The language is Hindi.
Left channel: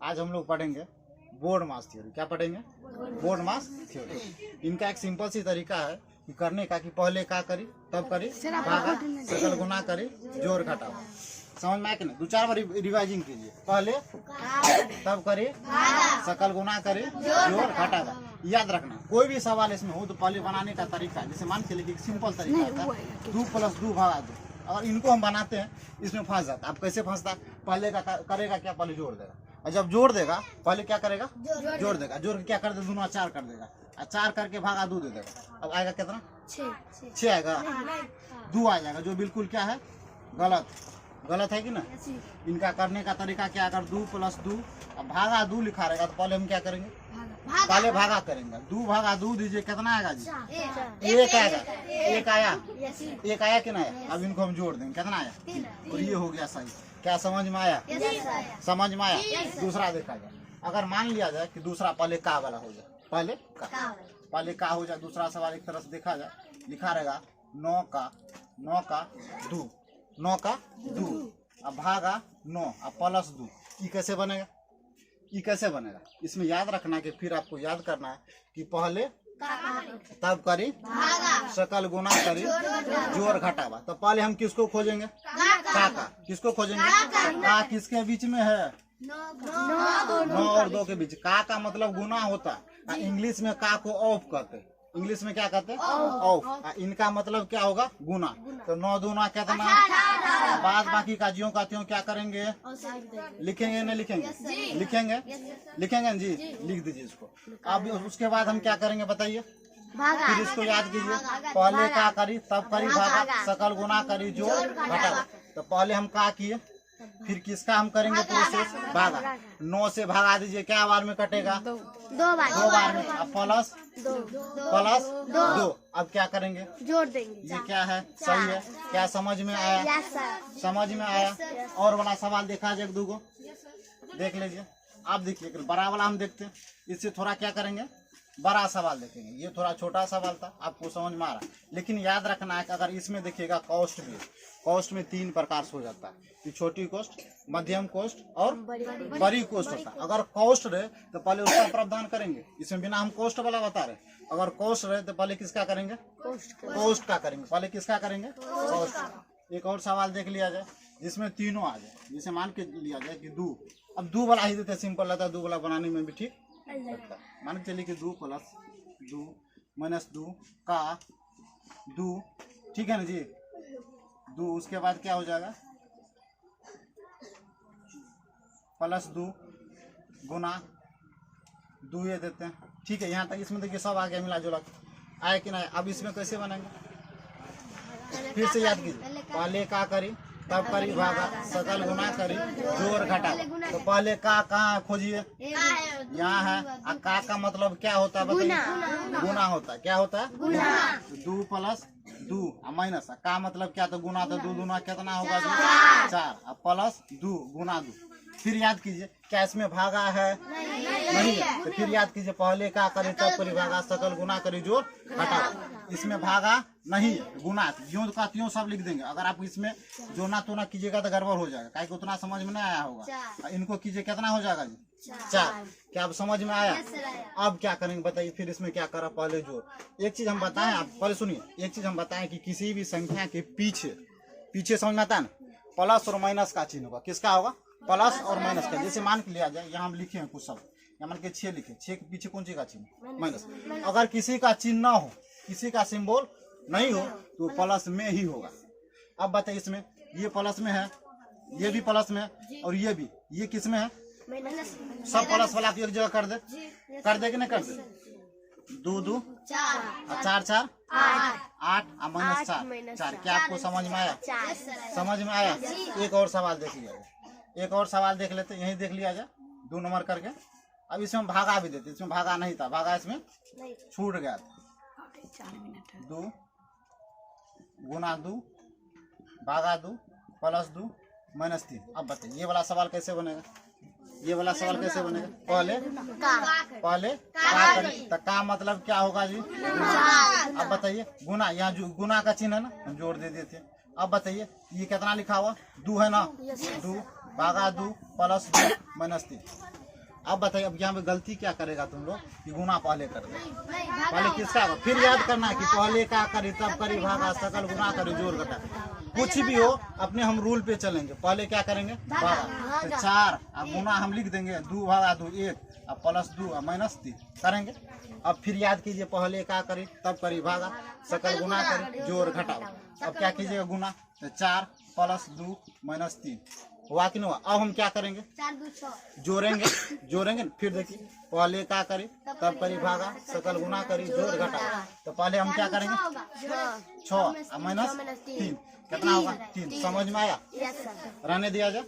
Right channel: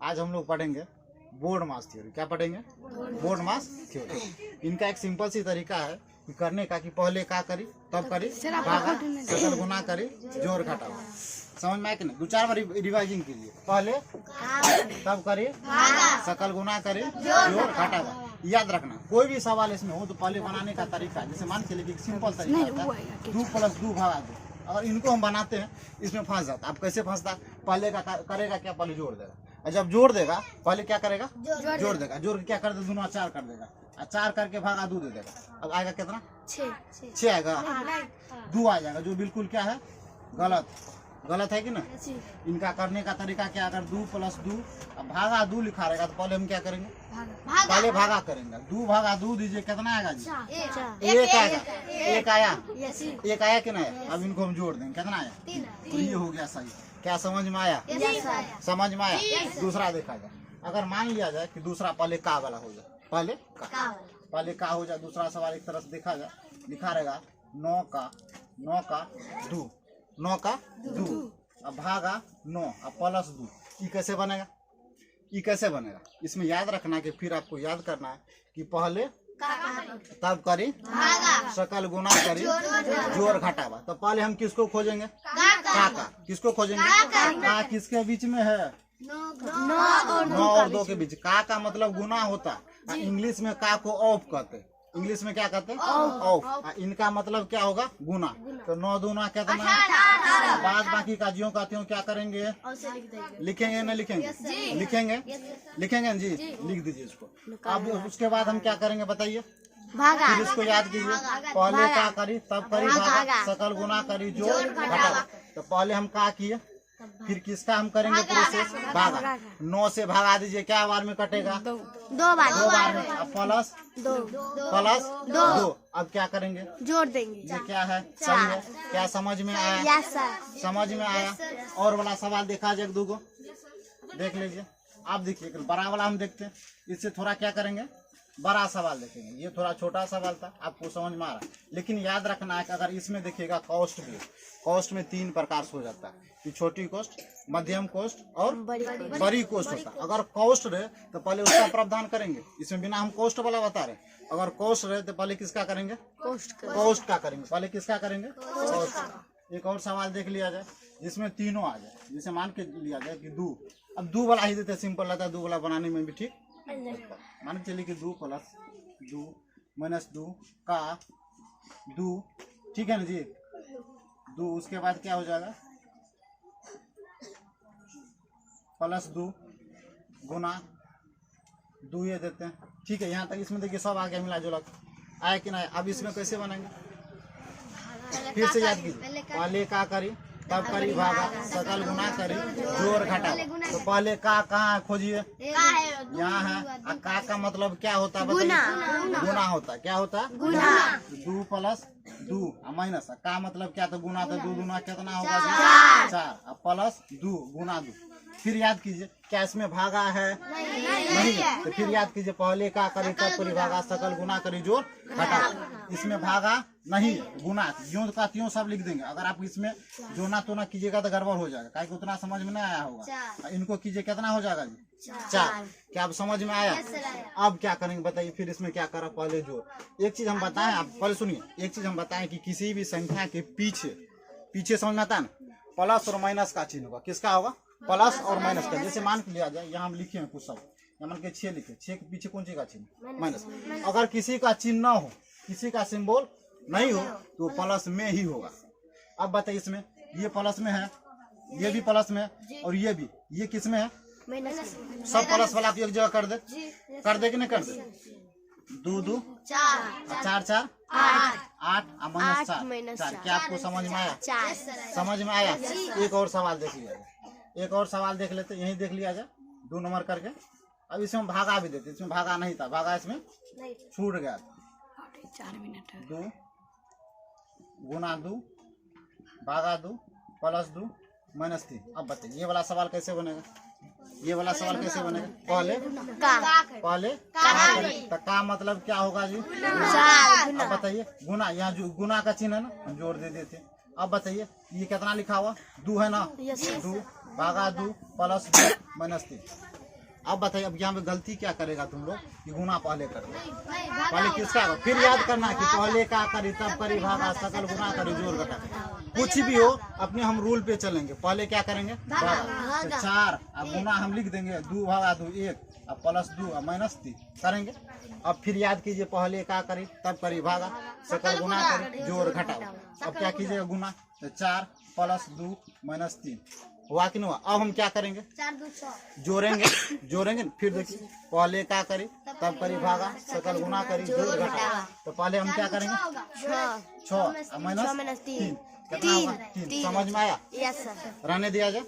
आज हम लोग पढ़ेंगे बोर्ड मास थ्योरी। क्या पढ़ेंगे? बोर्ड मास थ्योरी। इनका एक सिंपल सी तरीका है कि करने का कि पहले क्या करी तब करी भागा सकल गुना करी जोड़ घटावा। समझ में आया कि नहीं? 2-4 बार रिवाइजिंग कीजिए। पहले तब करी सकल गुना करी जोड़ घटावा। याद रखना कोई भी सवाल इसमें हो तो पहले बनाने का तरीका, जैसे मान के लिए सिंपल तरीका होता है 2 + 2 भागा 2। अगर इनको हम बनाते हैं इसमें फंस जाता। अब कैसे फंसता? पहले का करेगा क्या? पहले जोड़ देगा, और जब जोड़ देगा पहले क्या करेगा? जोड़ देगा। जोड़ के क्या कर देगा? दोनों 4 कर देगा, और 4 करके भागा 2 दे देगा। अब आएगा कितना? 6 आएगा। 2 आ जाएगा, जो बिल्कुल क्या है? गलत है कि ना? इनका करने का तरीका क्या? अगर 2 + 2 अब भागा 2 लिखा रहेगा तो पहले हम क्या करेंगे? पहले भागा करेंगे। 2 भागा 2 दीजिए, कितना आएगा जी? 1 आएगा। 1 आया, 1 आया कि नहीं? अब इनको हम जोड़ देंगे, कितना आया? और ये हो गया सही। क्या समझ में आया? समझ में आया? दूसरा देखा जाए, अगर मान लिया जाए कि दूसरा पहले का वाला हो जाए, पहले का हो जाए। दूसरा सवाल एक तरह से देखा जाए, लिखा रहेगा 9 का 2, 9 का 2 अब भागा 9 अब प्लस 2। ये कैसे बनेगा? ये कैसे बनेगा? इसमें याद रखना है कि फिर आपको याद करना है कि पहले तब करी सकल गुना करी जोड़ घटावा। तो पहले हम किसको खोजेंगे? का। किसको खोजेंगे? का किसके बीच में है? 9 और 2 के बीच। का मतलब गुना होता। इंग्लिश में का को ऑफ कहते हैं। इंग्लिश में क्या कहते हैं? ऑफ। इनका मतलब क्या होगा? गुना। तो 9 दूना कितना? बाद बाकी का ज्यों का त्यों क्या करेंगे? लिखेंगे नहीं लिखेंगे? लिखेंगे जी। लिख दीजिए इसको। अब उसके बाद हम क्या करेंगे बताइए? फिर इसको याद कीजिए। पहले का करी तब करी भागा सकल गुना करी जोड़ घटावा। तो पहले हम का किए, फिर किसका हम करेंगे? प्रोसेस भागा। 9 से भागा दीजिए, क्या बार में कटेगा? 2 बार में। अब प्लस 2। अब क्या करेंगे? जोड़ देंगे। ये क्या है? सही है। क्या समझ में आया? समझ में आया। और वाला सवाल देखा जाए, 2 को देख लीजिए। आप देखिए बड़ा वाला हम देखते हैं, इससे थोड़ा क्या करेंगे? बड़ा सवाल देखेंगे। ये थोड़ा छोटा सवाल था, आपको समझ में आ रहा है। लेकिन याद रखना है कि अगर इसमें देखिएगा कॉस्ट में 3 प्रकार से हो जाता है। छोटी कॉस्ट, मध्यम कॉस्ट और बड़ी कॉस्ट होता है। अगर कॉस्ट रहे तो पहले उसका प्रावधान करेंगे। इसमें बिना हम कॉस्ट वाला बता रहे। अगर कॉस्ट रहे तो पहले किसका करेंगे? कॉस्ट का करेंगे। पहले किसका करेंगे? कॉस्ट। एक और सवाल देख लिया जाए जिसमें तीनों आ जाए। जैसे मान के लिया जाए कि 2, अब 2 वाला ही देते, सिंपल रहता है। 2 वाला बनाने में भी ठीक लगता है। मान के चलिए कि 2 + 2 - 2 का 2, ठीक है ना जी? 2 उसके बाद क्या हो जाएगा? +2 गुना 2 ये देते हैं, ठीक है। यहाँ तक इसमें देखिए सब आ गया, मिला जुला आया कि नहीं? अब इसमें कैसे बनेंगे? फिर से याद कीजिए। पहले का करी तब करी भागा सकल गुना करी जोड़ घटावा। तो पहले का कहाँ खोजिए? यहाँ है। का मतलब क्या होता है? गुना होता है। क्या होता है? 2 + 2 माइनस का मतलब क्या? तो गुना। तो 2 दूना कितना होगा? 4 अब प्लस 2 गुना 2। फिर याद कीजिए, क्या इसमें भागा है? नहीं। तो फिर याद कीजिए, पहले का करी तब करी भागा सकल गुना करी जोड़ घटावा। इसमें भागा नहीं, गुना ज्यों का त्यों सब लिख देंगे। अगर आप इसमें जोना तोना कीजिएगा तो गड़बड़ हो जाएगा, क्योंकि उतना समझ में नहीं आया होगा। इनको कीजिए, कितना हो जाएगा जी? 4। क्या आप समझ में आया? अब क्या करेंगे बताइए? फिर इसमें क्या करा? पहले जोड़। एक चीज हम बताएं, आप पहले सुनिए। एक चीज हम बताएं कि किसी भी संख्या के पीछे समझ में आता है ना, प्लस और माइनस का चिन्ह होगा। किसका होगा? प्लस और माइनस का। जैसे मान के लिया जाए, यहाँ हम लिखे हैं कुछ सब, यहाँ मान के 6 लिखे, 6 के पीछे कौन सी का चिन्ह? माइनस। अगर किसी का चिन्ह ना हो, किसी का सिंबल नहीं हो, तो प्लस में ही होगा। अब बताइए, इसमें ये प्लस में है, ये भी प्लस में है, और ये भी। ये किस में है? सब प्लस वाला एक जगह कर दे कि नहीं कर दे? 2 2 4 4 8 -4। क्या आपको समझ में आया? समझ में आया? एक और सवाल देख लिया जाए। एक और सवाल देख लेते, यही देख लिया जाए 2 नंबर करके। अब इसमें भागा भी देते। इसमें भागा नहीं था, भागा इसमें छूट गया था। 2 गुना 2 भागा 2 + 2 -3। अब बताइए ये वाला सवाल कैसे बनेगा? ये वाला सवाल कैसे बनेगा? पहले का करें तो का मतलब क्या होगा जी? अब बताइए, गुना। यहाँ जो गुना का चिन्ह है ना, हम जोड़ दे देते। अब बताइए, ये कितना लिखा हुआ? 2 है ना? 2 भागा 2 + 2 -3। अब बताइए, अब यहाँ पे गलती क्या करेगा तुम लोग कि गुना पहले कर दो, पहले किसका, फिर याद करना कि पहले का करी तब करी भागा, सकल गुना करी जोड़ घटा। कुछ भी हो अपने हम रूल पे चलेंगे। पहले क्या करेंगे, भागा, तो 4 अब गुना हम लिख देंगे 2 भागा 2 1, अब प्लस 2 अब माइनस 3 करेंगे। अब फिर याद कीजिए, पहले का करी तब करी भागा, सकल गुना करी जोड़ घटाओ। अब क्या कीजिएगा गुना, तो 4 प्लस 2 माइनस 3 हुआ कि नहीं हुआ। अब हम क्या करेंगे, 4 2 6 जोड़ेंगे। फिर देखिए, पहले का करी तब करी भागा, सकल गुना करी जोड़ घटाओ। तो पहले हम क्या करेंगे, 6 माइनस 3 कितना होगा, 3। समझ में आया, यस सर। रहने दिया जाए।